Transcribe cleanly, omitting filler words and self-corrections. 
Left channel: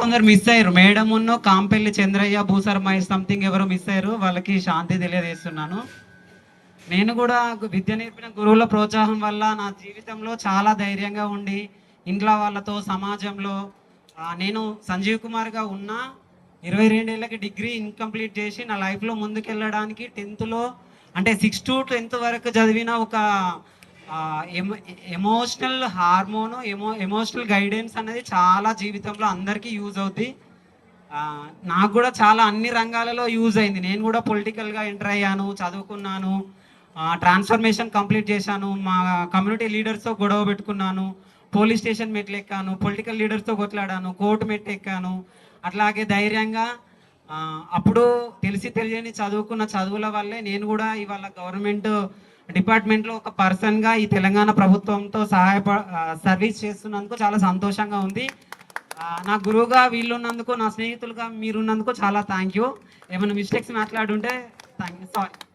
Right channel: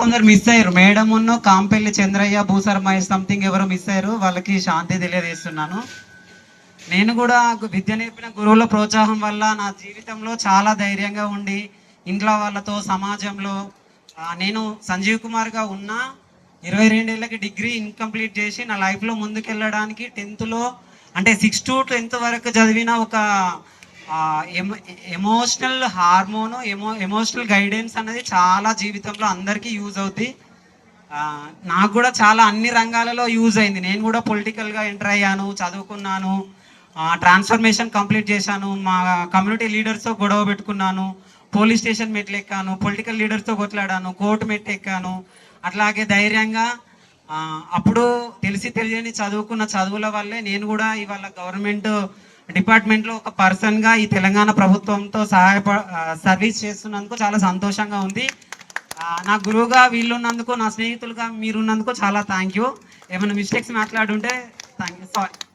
కొందరు మిస్ అయ్యారు, మేడం ఉన్న కాంపెల్లి చంద్రయ్య, భూసరమయ్య సంథింగ్ ఎవరు మిస్ అయ్యారు, వాళ్ళకి శాంతి తెలియజేస్తున్నాను. నేను కూడా విద్య నేర్పిన గురువుల ప్రోత్సాహం వల్ల నా జీవితంలో చాలా ధైర్యంగా ఉండి ఇంట్లో వాళ్ళతో సమాజంలో నేను సంజీవ్ కుమార్గా ఉన్న 22 ఏళ్ళకి డిగ్రీ ఇన్కంప్లీట్ చేసి నా లైఫ్లో ముందుకెళ్ళడానికి 10th అంటే 6 to 10th వరకు చదివిన ఒక ఎమోషనల్ హార్మోను ఎమోషనల్ గైడెన్స్ అనేది చాలా జీవితంలో అందరికీ యూజ్ అవుతుంది. నాకు కూడా చాలా అన్ని రంగాలలో యూజ్ అయింది. నేను కూడా పొలిటికల్గా ఎంటర్ అయ్యాను, చదువుకున్నాను, ట్రాన్స్ఫర్మేషన్ కంప్లీట్ చేశాను, మా కమ్యూనిటీ లీడర్స్తో గొడవ పెట్టుకున్నాను, పోలీస్ స్టేషన్ మెట్లు ఎక్కాను, పొలిటికల్ లీడర్స్తో కొట్లాడాను, కోర్టు మెట్లు ఎక్కాను. అట్లాగే ధైర్యంగా అప్పుడు తెలియని చదువుకున్న చదువుల వల్లే నేను కూడా ఇవాళ గవర్నమెంట్ డిపార్ట్మెంట్లో ఒక పర్సన్గా ఈ తెలంగాణ ప్రభుత్వంతో సర్వీస్ చేస్తున్నందుకు చాలా సంతోషంగా ఉంది. నా గురువుగా వీళ్ళున్నందుకు, నా స్నేహితులుగా మీరున్నందుకు చాలా థ్యాంక్ యూ. ఏమైనా మిస్టేక్స్ మాట్లాడుంటే థ్యాంక్ యూ, సారీ.